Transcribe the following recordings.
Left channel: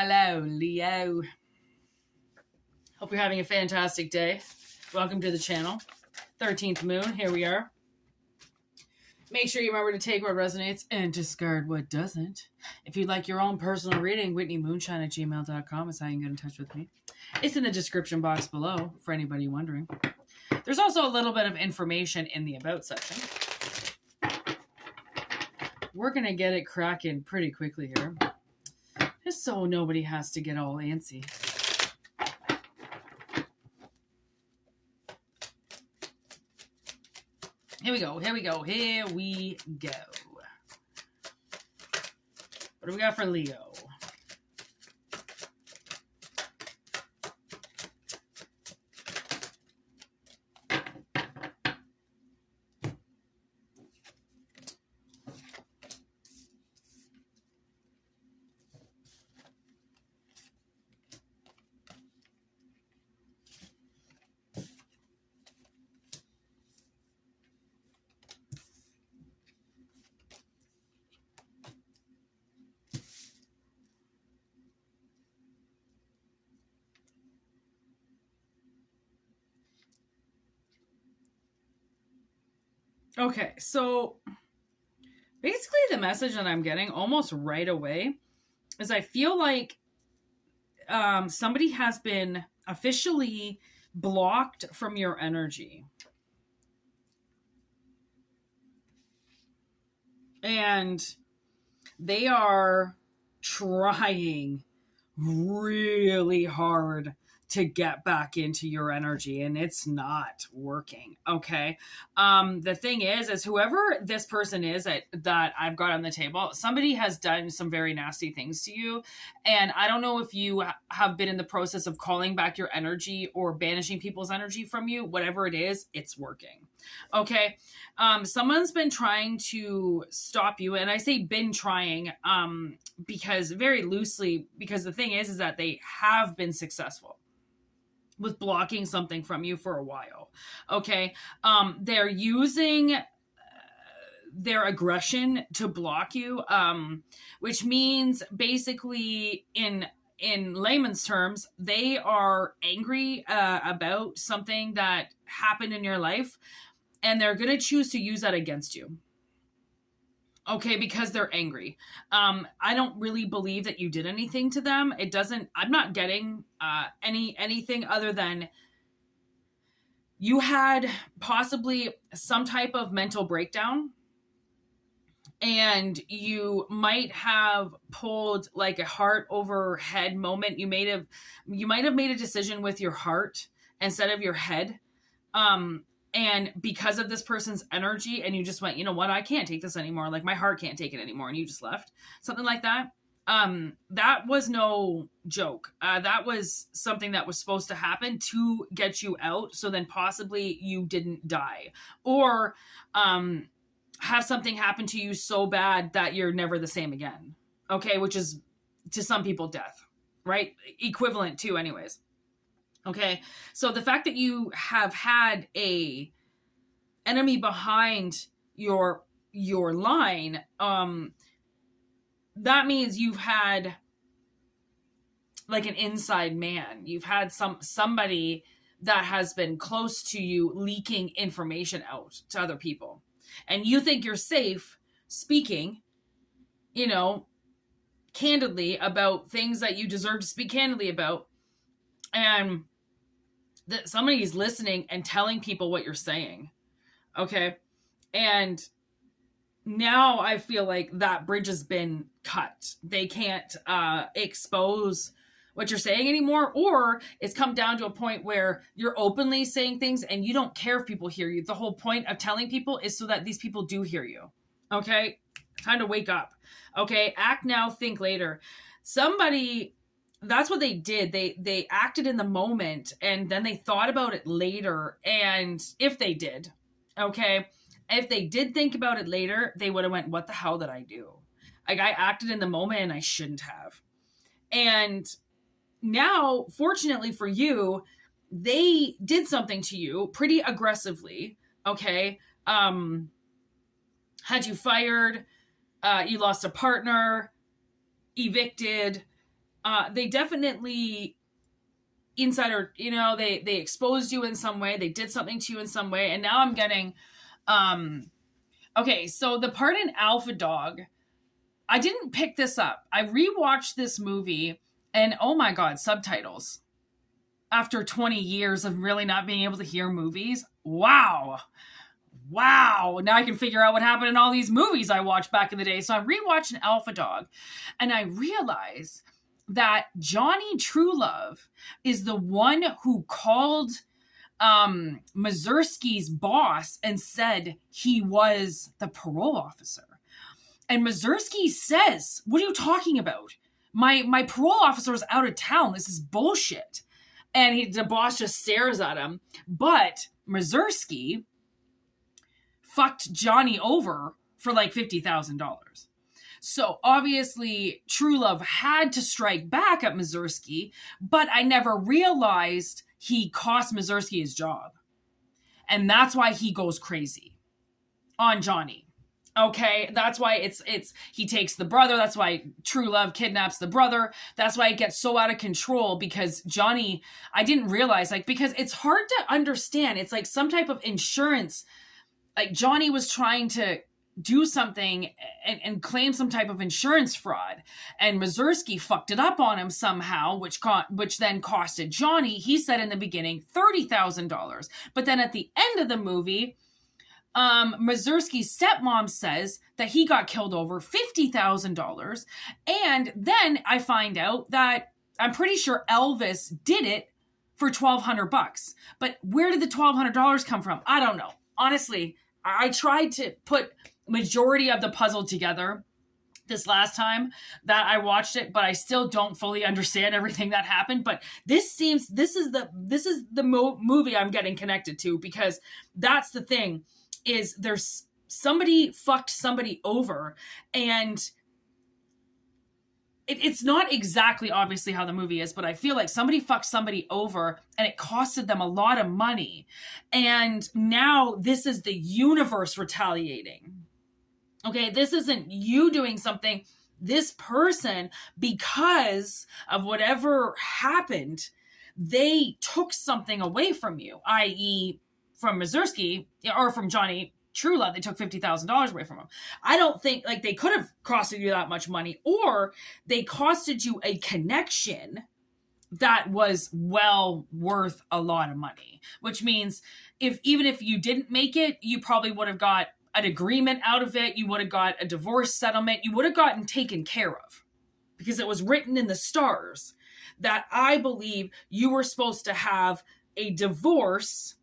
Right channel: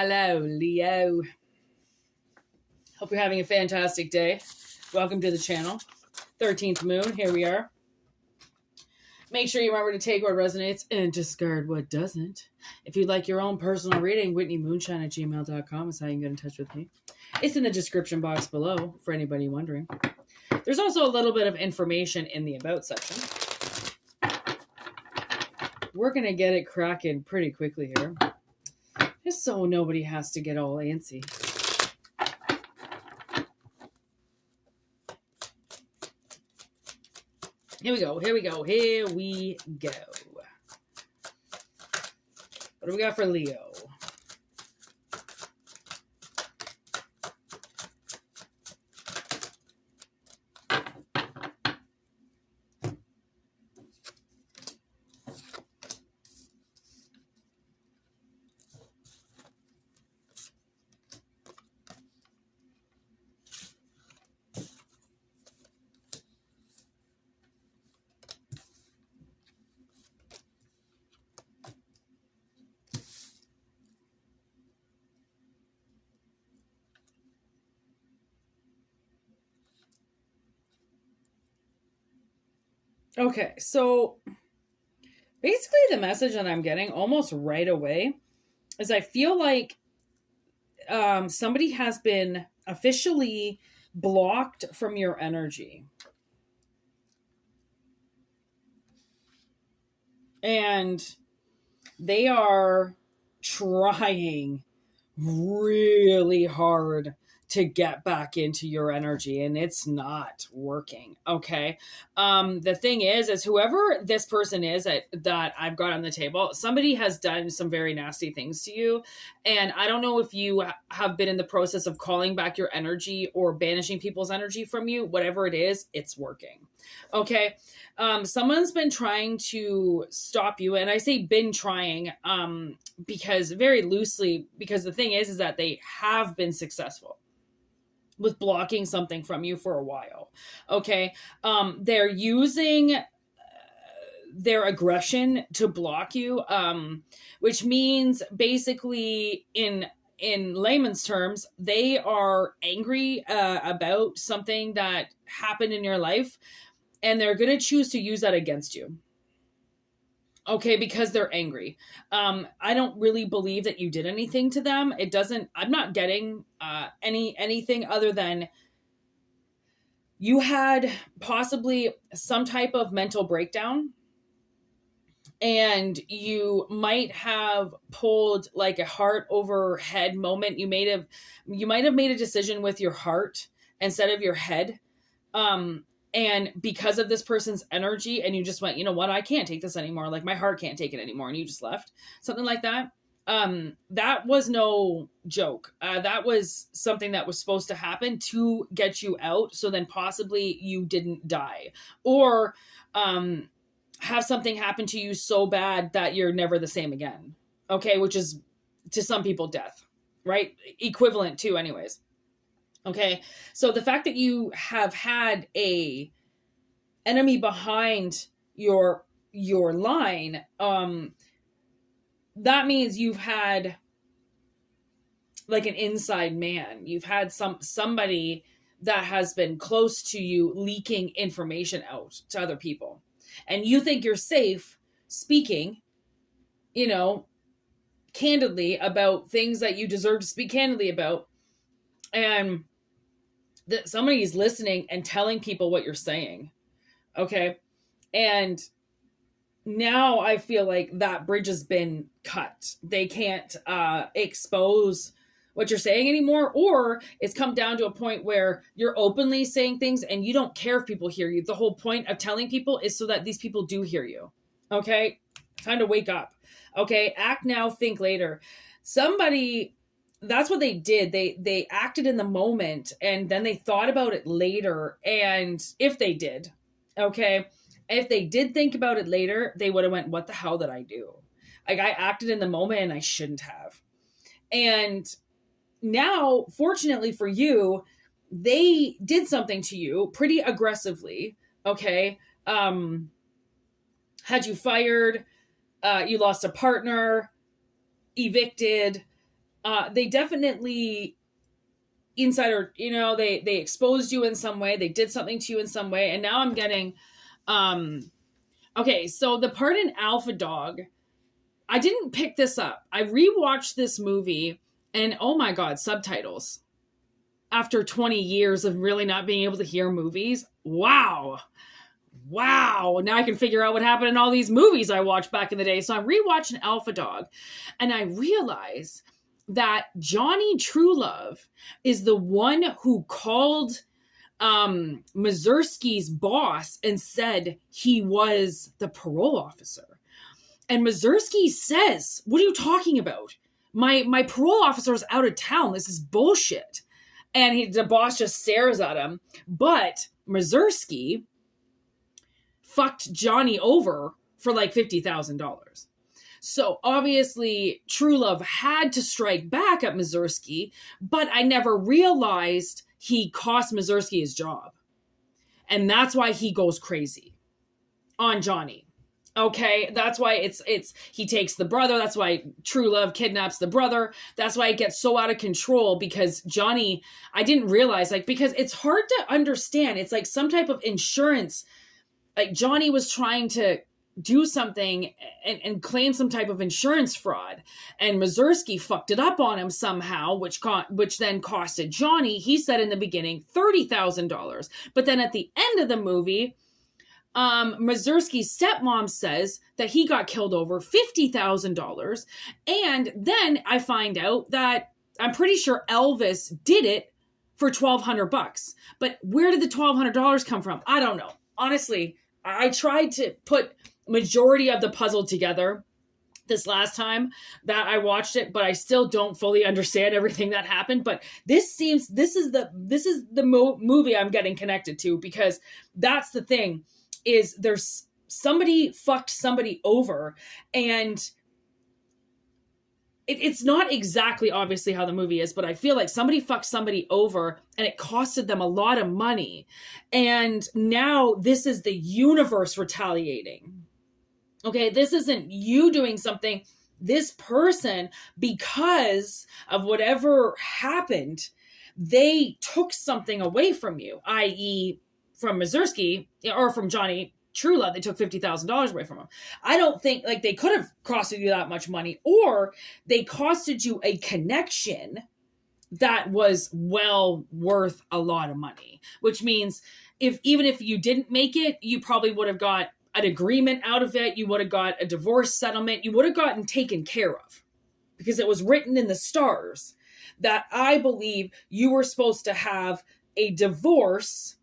Hello, Leo. Hope you're having a fantastic day. Welcome to the channel. 13th moon, here we are. Make sure you remember to take what resonates and discard what doesn't. If you'd like your own personal reading, whitneymoonshine@gmail.com is how you can get in touch with me. It's in the description box below for anybody wondering. There's also a little bit of information in the About section. We're going to get it cracking pretty quickly here, just so nobody has to get all antsy. Here we go, here we go, here we go. What do we got for Leo? Okay, so basically the message that I'm getting almost right away is I feel like somebody has been officially blocked from your energy. And they are trying really hard to get back into your energy, and it's not working. Okay. The thing is whoever this person is that I've got on the table, somebody has done some very nasty things to you. And I don't know if you have been in the process of calling back your energy or banishing people's energy from you. Whatever it is, it's working. Okay. Someone's been trying to stop you, and I say been trying, because very loosely, because the thing is that they have been successful with blocking something from you for a while. Okay. They're using their aggression to block you, which means basically in layman's terms, they are angry about something that happened in your life, and they're going to choose to use that against you. Okay, because they're angry. I don't really believe that you did anything to them. I'm not getting anything other than you had possibly some type of mental breakdown, and you might have pulled like a heart over head moment. You might have made a decision with your heart instead of your head. And because of this person's energy, and you just went, you know what, I can't take this anymore. Like my heart can't take it anymore. And you just left, something like that. That was no joke. That was something that was supposed to happen to get you out. So then possibly you didn't die, or, have something happen to you so bad that you're never the same again. Okay. Which is to some people death, right? Equivalent to anyways. Okay. So the fact that you have had a enemy behind your line, that means you've had like an inside man. You've had somebody that has been close to you leaking information out to other people. And you think you're safe speaking, candidly about things that you deserve to speak candidly about. And that somebody's listening and telling people what you're saying. Okay. And now I feel like that bridge has been cut. They can't expose what you're saying anymore, or it's come down to a point where you're openly saying things and you don't care if people hear you. The whole point of telling people is so that these people do hear you. Okay. Time to wake up. Okay. Act now, think later. That's what they did. They acted in the moment, and then they thought about it later. And if they did, if they did think about it later, they would have went, what the hell did I do? Like I acted in the moment and I shouldn't have. And now, fortunately for you, they did something to you pretty aggressively. Okay. Had you fired, you lost a partner, evicted, they definitely insider, they exposed you in some way, they did something to you in some way, and now I'm getting, okay, so the part in Alpha Dog, I didn't pick this up. I rewatched this movie, and oh my God, subtitles. After 20 years of really not being able to hear movies, wow. Now I can figure out what happened in all these movies I watched back in the day. So I'm rewatching Alpha Dog, and I realize that Johnny Truelove is the one who called Mazursky's boss and said he was the parole officer. And Mazursky says, "What are you talking about? My parole officer is out of town. This is bullshit." And the boss just stares at him. But Mazursky fucked Johnny over for like $50,000. So obviously Truelove had to strike back at Mazursky, but I never realized he cost Mazursky his job. And that's why he goes crazy on Johnny. Okay, that's why it's he takes the brother. That's why Truelove kidnaps the brother. That's why it gets so out of control, because Johnny, I didn't realize, like, because it's hard to understand. It's like some type of insurance. Like Johnny was trying to do something and claim some type of insurance fraud, and Mazursky fucked it up on him somehow, which then costed Johnny, he said in the beginning, $30,000. But then at the end of the movie, Mazursky's stepmom says that he got killed over $50,000. And then I find out that I'm pretty sure Elvis did it for $1,200. But where did the $1,200 come from? I don't know. Honestly, I tried to put majority of the puzzle together this last time that I watched it, but I still don't fully understand everything that happened. But this is the movie I'm getting connected to, because that's the thing, is there's somebody fucked somebody over, and it's not exactly obviously how the movie is, but I feel like somebody fucked somebody over and it costed them a lot of money. And now this is the universe retaliating. Okay, this isn't you doing something. This person, because of whatever happened, they took something away from you, i.e. from Mazursky, or from Johnny Truelove, they took $50,000 away from him. I don't think, like, they could have costed you that much money, or they costed you a connection that was well worth a lot of money, which means even if you didn't make it, you probably would have got an agreement out of it. You would have got a divorce settlement. You would have gotten taken care of, because it was written in the stars that I believe you were supposed to have a divorce,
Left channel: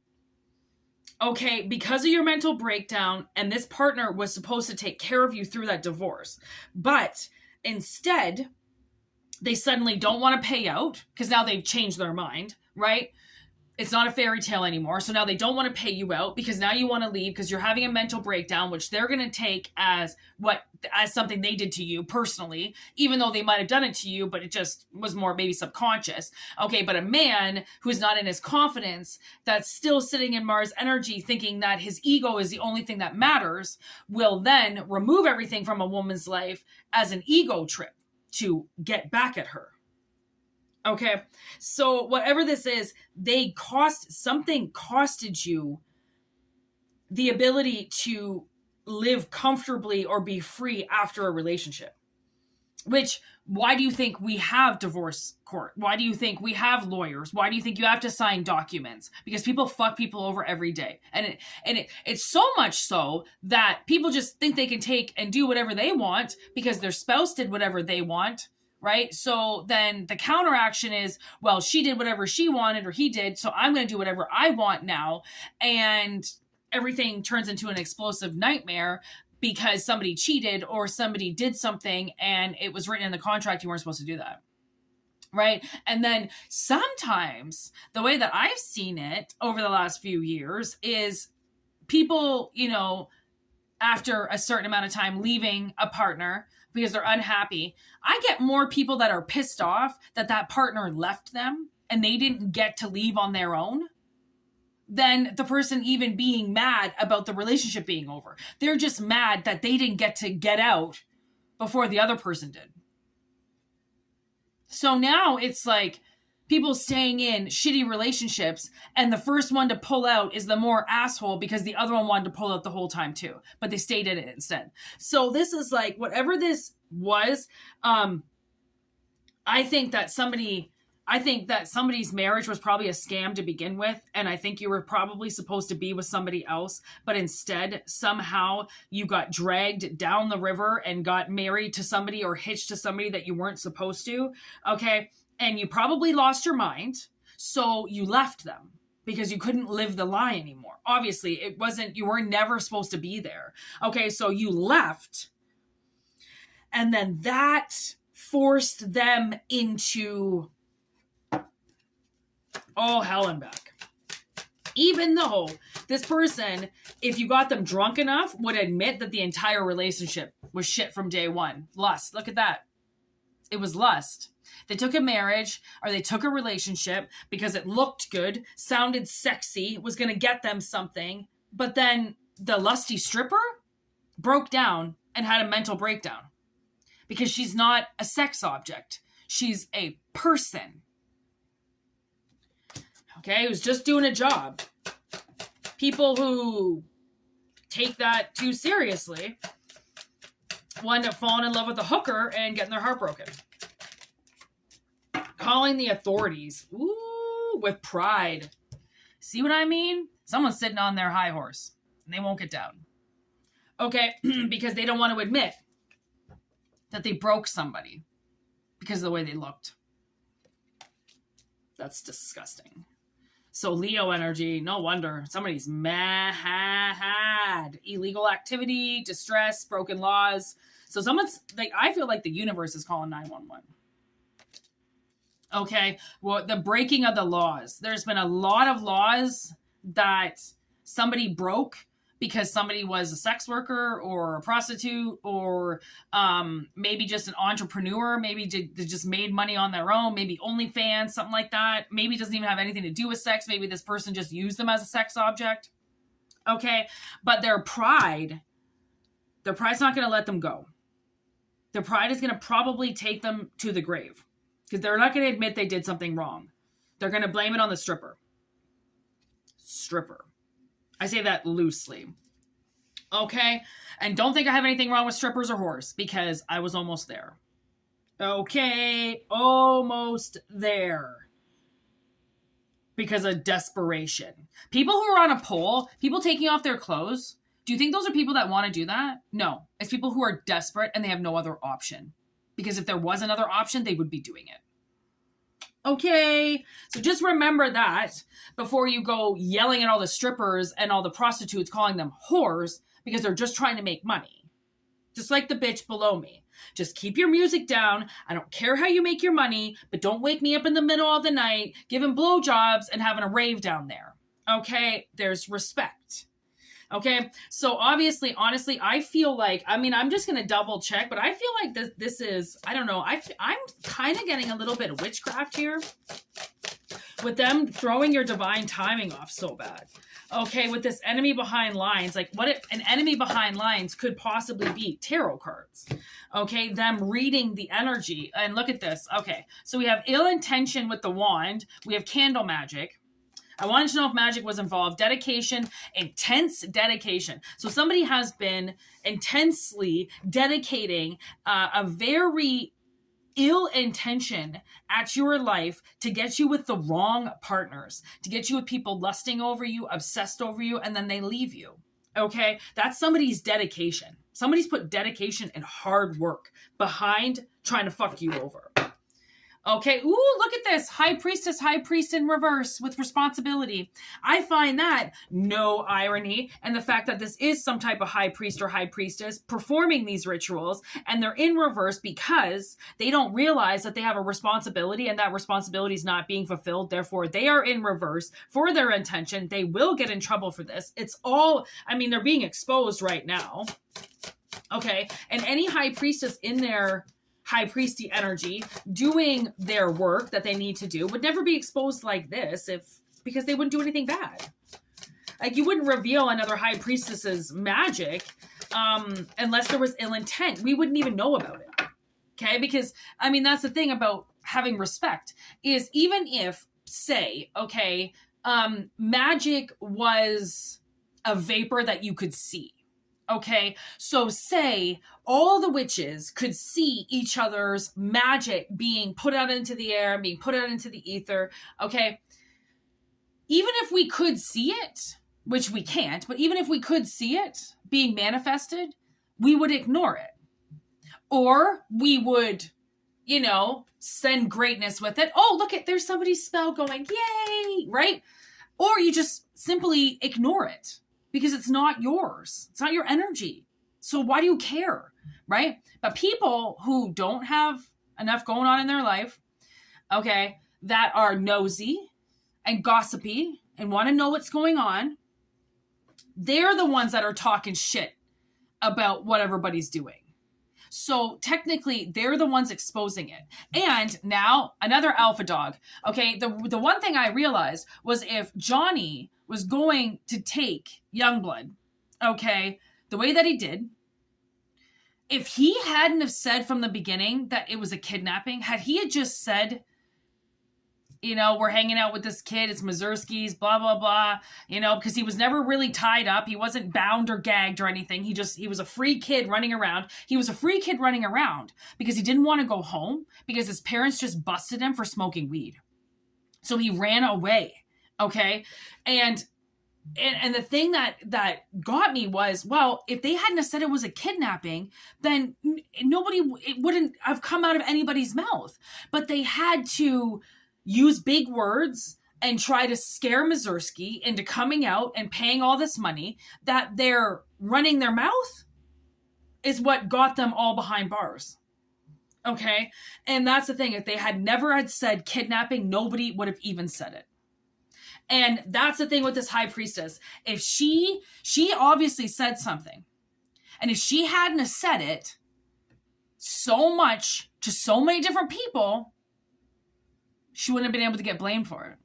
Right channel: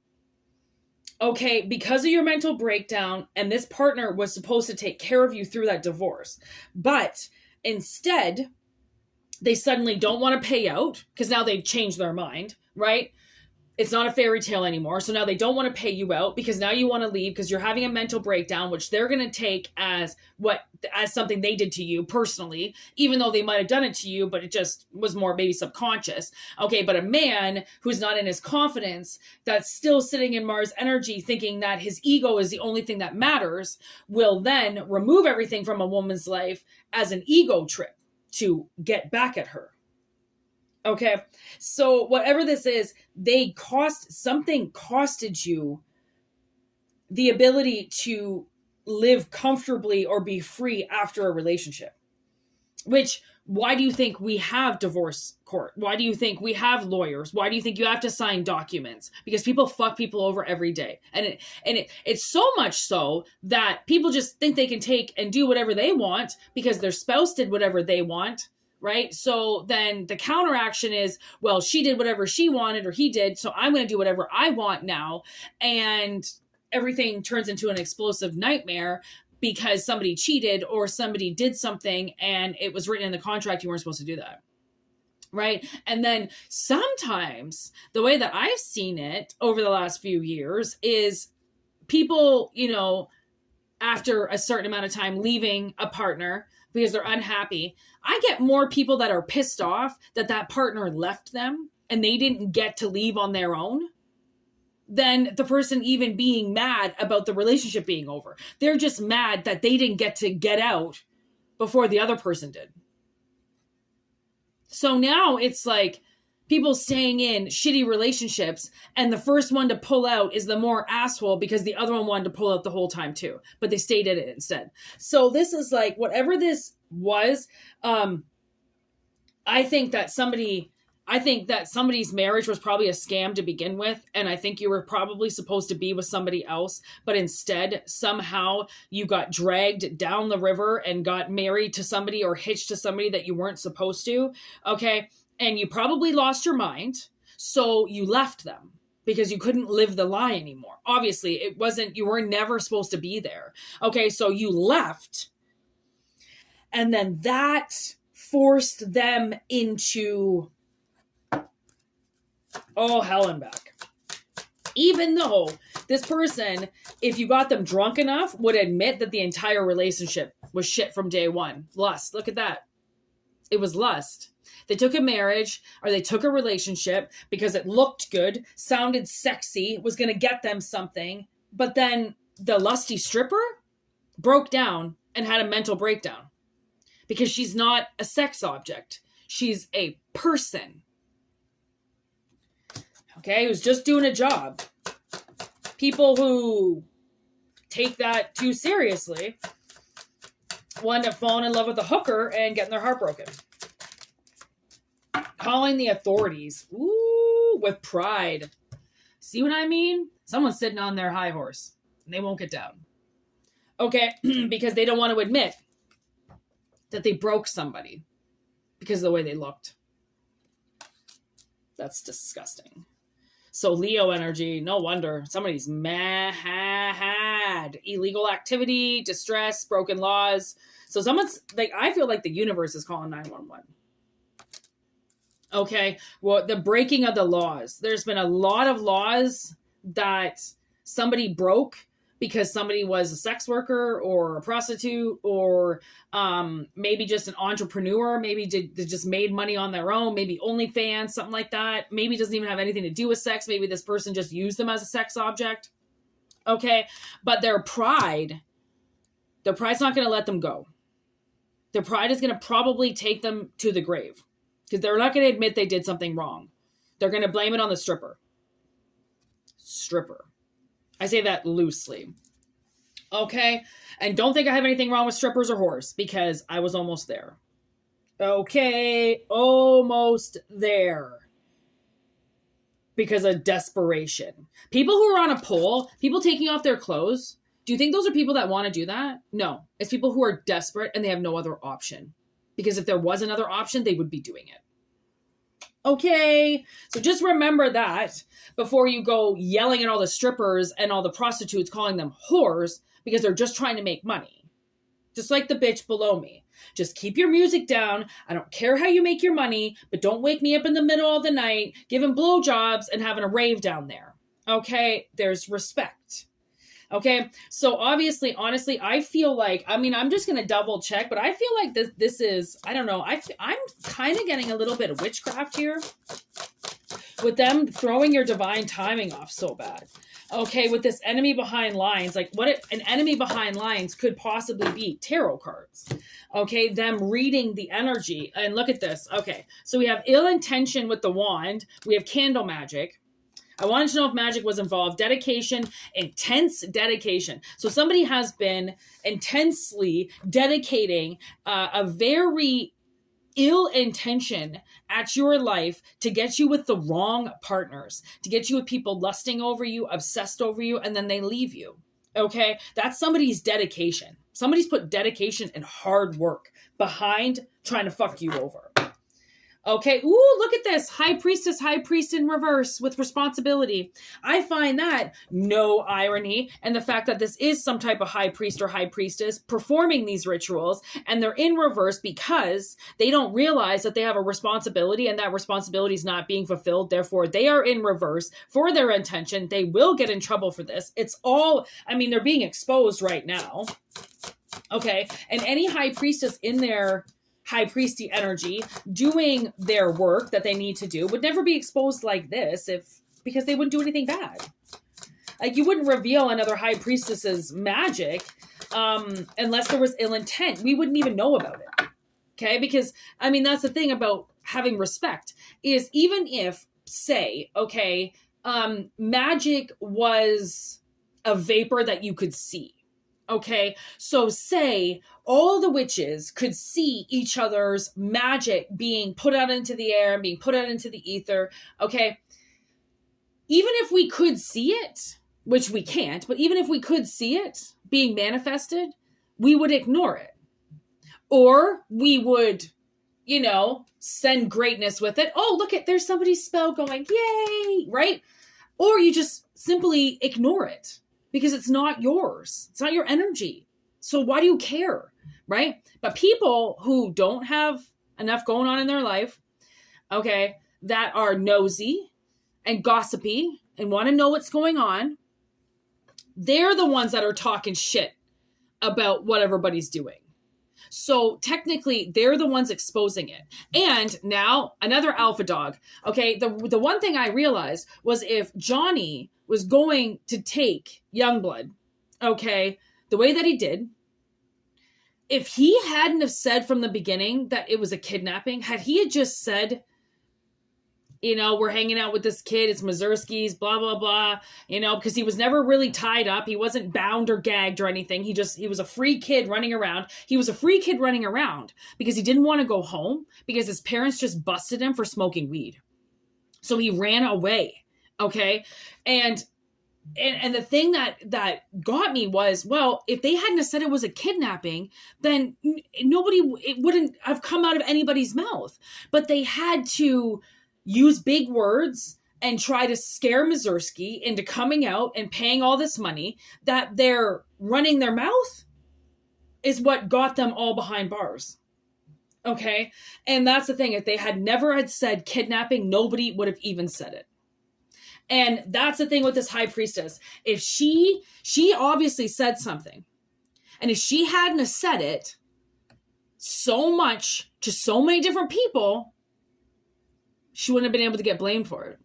okay, because of your mental breakdown, and this partner was supposed to take care of you through that divorce. But instead, they suddenly don't want to pay out, because now they've changed their mind, right? It's not a fairy tale anymore. So now they don't want to pay you out, because now you want to leave because you're having a mental breakdown, which they're going to take as something they did to you personally, even though they might have done it to you, but it just was more maybe subconscious. Okay, but a man who's not in his confidence, that's still sitting in Mars energy, thinking that his ego is the only thing that matters, will then remove everything from a woman's life as an ego trip to get back at her. Okay, so whatever this is, something costed you the ability to live comfortably or be free after a relationship. Which, why do you think we have divorce court? Why do you think we have lawyers? Why do you think you have to sign documents? Because people fuck people over every day. And it's so much so that people just think they can take and do whatever they want because their spouse did whatever they want. Right? So then the counteraction is, well, she did whatever she wanted, or he did, so I'm going to do whatever I want now. And everything turns into an explosive nightmare because somebody cheated or somebody did something and it was written in the contract you weren't supposed to do that. Right? And then sometimes the way that I've seen it over the last few years is people, after a certain amount of time leaving a partner because they're unhappy, I get more people that are pissed off that partner left them and they didn't get to leave on their own than the person even being mad about the relationship being over. They're just mad that they didn't get to get out before the other person did. So now it's like people staying in shitty relationships, and the first one to pull out is the more asshole because the other one wanted to pull out the whole time too, but they stayed in it instead. So this is like, whatever this was, I think that somebody's marriage was probably a scam to begin with, and I think you were probably supposed to be with somebody else, but instead somehow you got dragged down the river and got married to somebody or hitched to somebody that you weren't supposed to, okay? And you probably lost your mind, so you left them because you couldn't live the lie anymore. Obviously, you were never supposed to be there. Okay, so you left, and then that forced them into hell and back. Even though this person, if you got them drunk enough, would admit that the entire relationship was shit from day one. Lust. Look at that. It was lust. They took a marriage or they took a relationship because it looked good, sounded sexy, was going to get them something. But then the lusty stripper broke down and had a mental breakdown because she's not a sex object. She's a person. Okay, who's just doing a job. People who take that too seriously wind up falling in love with a hooker and getting their heart broken. Calling the authorities. Ooh, with pride. See what I mean? Someone's sitting on their high horse and they won't get down. Okay, because they don't want to admit that they broke somebody because of the way they looked. That's disgusting. So Leo energy, no wonder. Somebody's mad. Illegal activity, distress, broken laws. So someone's like, I feel like the universe is calling 911. Okay, well, the breaking of the laws. There's been a lot of laws that somebody broke because somebody was a sex worker or a prostitute or maybe just an entrepreneur. Maybe they just made money on their own. Maybe OnlyFans, something like that. Maybe it doesn't even have anything to do with sex. Maybe this person just used them as a sex object. Okay, but their pride's not going to let them go. Their pride is going to probably take them to the grave. Because they're not going to admit they did something wrong. They're going to blame it on the stripper. I say that loosely. Okay? And don't think I have anything wrong with strippers or whores, because I was almost there. Okay? Almost there. Because of desperation. People who are on a pole, people taking off their clothes, do you think those are people that want to do that? No. It's people who are desperate and they have no other option. Because if there was another option, they would be doing it. Okay, so just remember that before you go yelling at all the strippers and all the prostitutes, calling them whores, because they're just trying to make money. Just like the bitch below me. Just keep your music down. I don't care how you make your money, but don't wake me up in the middle of the night giving blowjobs and having a rave down there. Okay, there's respect. Okay, so obviously, honestly, I feel like, I'm just going to double check, but I feel like this is, I don't know, I'm kind of getting a little bit of witchcraft here with them throwing your divine timing off so bad. Okay, with this enemy behind lines, like an enemy behind lines could possibly be tarot cards. Okay, them reading the energy. And look at this. Okay, so we have ill intention with the wand. We have candle magic. I wanted to know if magic was involved. Dedication, intense dedication. So somebody has been intensely dedicating a very ill intention at your life to get you with the wrong partners, to get you with people lusting over you, obsessed over you, and then they leave you. Okay? That's somebody's dedication. Somebody's put dedication and hard work behind trying to fuck you over. Okay, ooh, look at this. High priestess, high priest in reverse with responsibility. I find that no irony, and the fact that this is some type of high priest or high priestess performing these rituals, and they're in reverse because they don't realize that they have a responsibility and that responsibility is not being fulfilled. Therefore, they are in reverse for their intention. They will get in trouble for this. It's all, they're being exposed right now. Okay, and any high priestess in their high priesty energy doing their work that they need to do would never be exposed like this because they wouldn't do anything bad. Like, you wouldn't reveal another high priestess's magic unless there was ill intent. We wouldn't even know about it. Okay, because that's the thing about having respect is even if, say, okay, magic was a vapor that you could see. Okay, so say all the witches could see each other's magic being put out into the air, being put out into the ether. Okay, even if we could see it, which we can't, but even if we could see it being manifested, we would ignore it. Or we would, you know, send greatness with it. Oh, look at, there's somebody's spell going, yay, right? Or you just simply ignore it because it's not yours. It's not your energy. So why do you care, right? But people who don't have enough going on in their life, okay, that are nosy and gossipy and want to know what's going on, they're the ones that are talking shit about what everybody's doing. So technically, they're the ones exposing it. And now, another alpha dog. Okay, the one thing I realized was if Johnny was going to take Youngblood, okay, the way that he did, if he hadn't have said from the beginning that it was a kidnapping, had he had just said, you know, we're hanging out with this kid, it's Mazurski's, blah, blah, blah, you know, because he was never really tied up. He wasn't bound or gagged or anything. He was a free kid running around. He was a free kid running around because he didn't want to go home because his parents just busted him for smoking weed. So he ran away. Okay. And the thing that got me was, well, if they hadn't have said it was a kidnapping, then it wouldn't have come out of anybody's mouth. But they had to use big words and try to scare Mazurski into coming out and paying all this money that they're running their mouth is what got them all behind bars. Okay. And that's the thing. If they had never had said kidnapping, nobody would have even said it. And that's the thing with this high priestess. If she obviously said something, and if she hadn't have said it so much to so many different people, she wouldn't have been able to get blamed for it.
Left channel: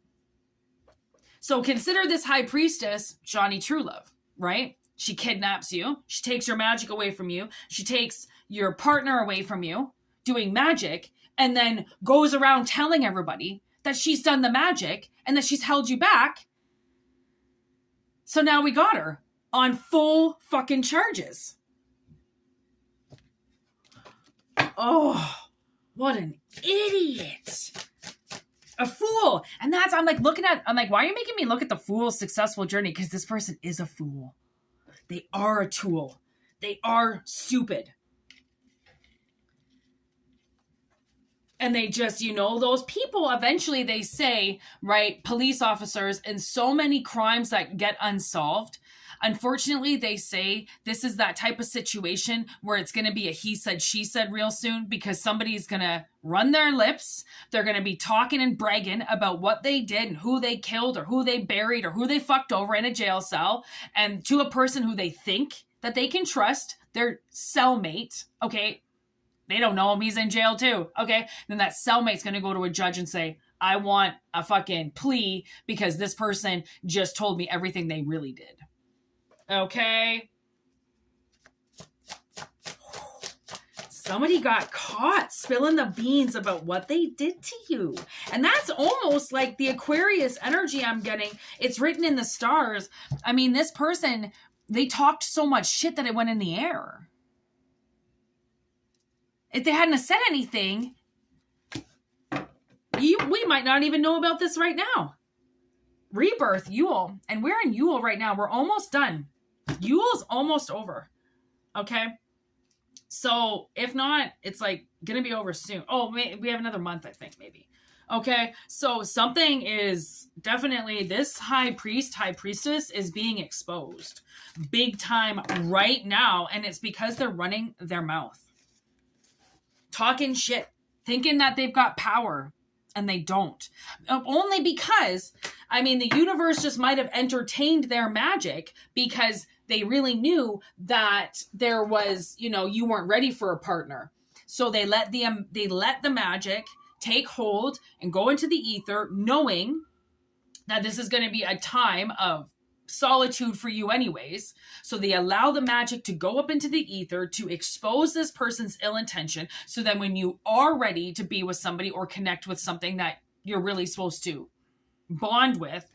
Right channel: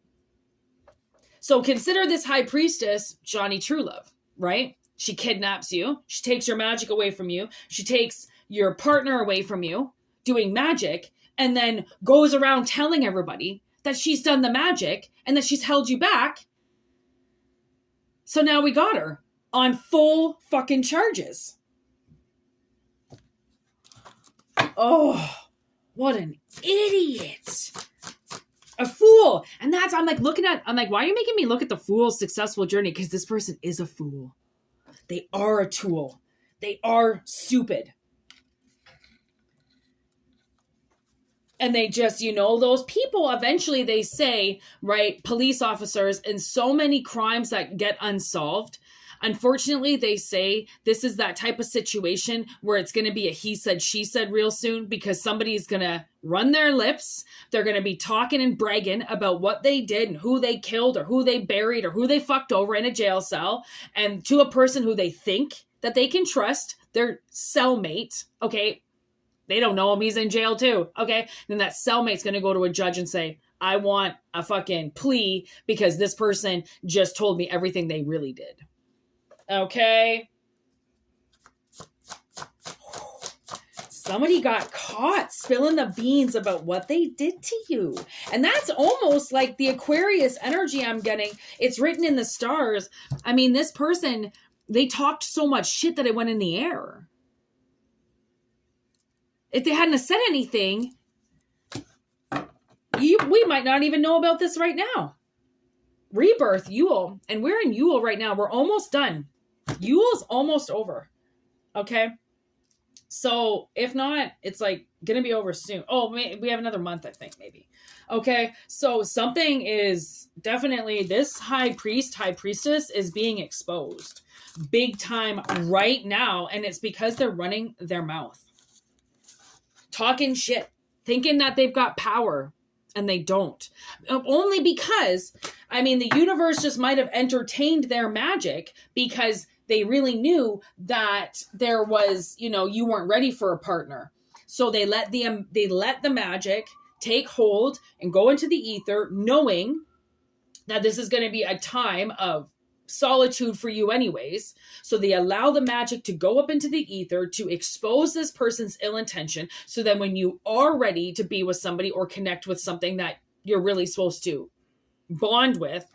So consider this high priestess Johnny Truelove, right? She kidnaps you. She takes your magic away from you. She takes your partner away from you doing magic, and then goes around telling everybody that she's done the magic and that she's held you back. So now we got her on full fucking charges. Oh, what an idiot. A fool. And I'm like, why are you making me look at the fool's successful journey? Because this person is a fool. They are a tool. They are stupid. And they just, those people, eventually they say, right, police officers, in so many crimes that get unsolved, unfortunately, they say this is that type of situation where it's going to be a he said, she said real soon, because somebody's going to run their lips. They're going to be talking and bragging about what they did and who they killed or who they buried or who they fucked over in a jail cell, and to a person who they think that they can trust, their cellmate, okay? They don't know him. He's in jail too. Okay. Then that cellmate's going to go to a judge and say, I want a fucking plea because this person just told me everything they really did. Okay. Somebody got caught spilling the beans about what they did to you. And that's almost like the Aquarius energy I'm getting. It's written in the stars. I mean, this person, they talked so much shit that it went in the air. If they hadn't said anything, we might not even know about this right now. Rebirth, Yule. And we're in Yule right now. We're almost done. Yule's almost over. Okay? So, if not, it's like going to be over soon. Oh, we have another month, I think, maybe. Okay? So, something is definitely, this high priestess is being exposed. Big time right now. And it's because they're running their mouth. Talking shit, thinking that they've got power, and they don't. Only because, the universe just might have entertained their magic because they really knew that there was, you weren't ready for a partner. So they let the magic take hold and go into the ether, knowing that this is going to be a time of solitude for you anyways. So they allow the magic to go up into the ether to expose this person's ill intention. So then when you are ready to be with somebody or connect with something that you're really supposed to bond with,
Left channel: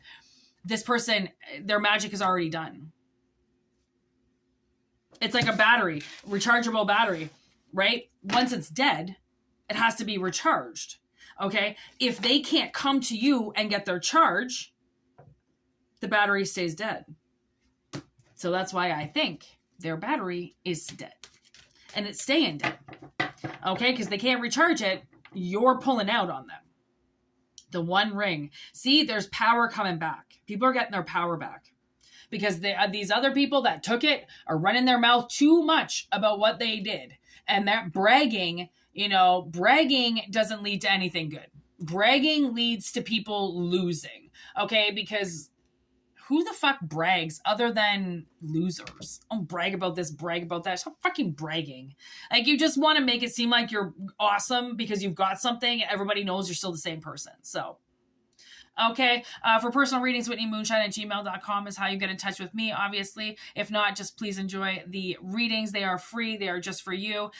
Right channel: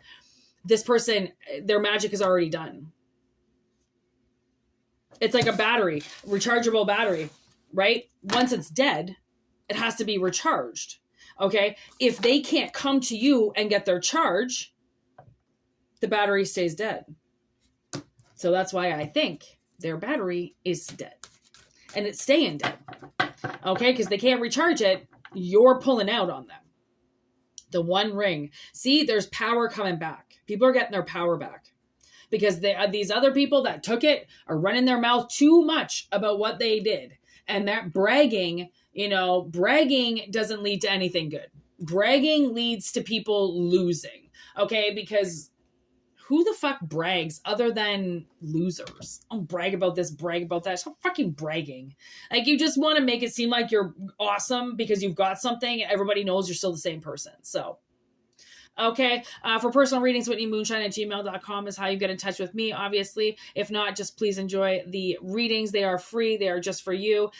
this person, their magic is already done. It's like a battery, rechargeable battery, right? Once it's dead, it has to be recharged. Okay. If they can't come to you and get their charge, the battery stays dead. So that's why I think their battery is dead. And it's staying dead. Okay, because they can't recharge it. You're pulling out on them. The One Ring. See, there's power coming back. People are getting their power back. Because these other people that took it are running their mouth too much about what they did. And that bragging, bragging doesn't lead to anything good. Bragging leads to people losing. Okay, because who the fuck brags other than losers? Oh, brag about this, brag about that. Stop fucking bragging. Like, you just want to make it seem like you're awesome because you've got something. Everybody knows you're still the same person. So, okay. For personal readings, whitneymoonshine@gmail.com is how you get in touch with me, obviously. If not, just please enjoy the readings. They are free. They are just for you.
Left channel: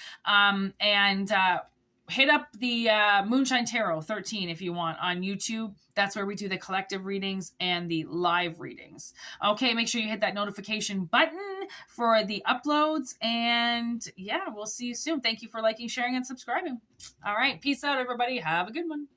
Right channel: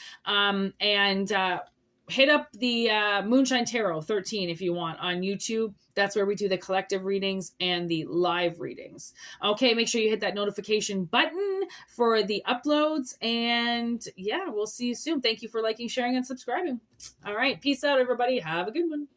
Hit up the Moonshine Tarot 13 if you want on YouTube. That's where we do the collective readings and the live readings. Okay, make sure you hit that notification button for the uploads. And yeah, we'll see you soon. Thank you for liking, sharing, and subscribing. All right, peace out, everybody. Have a good one.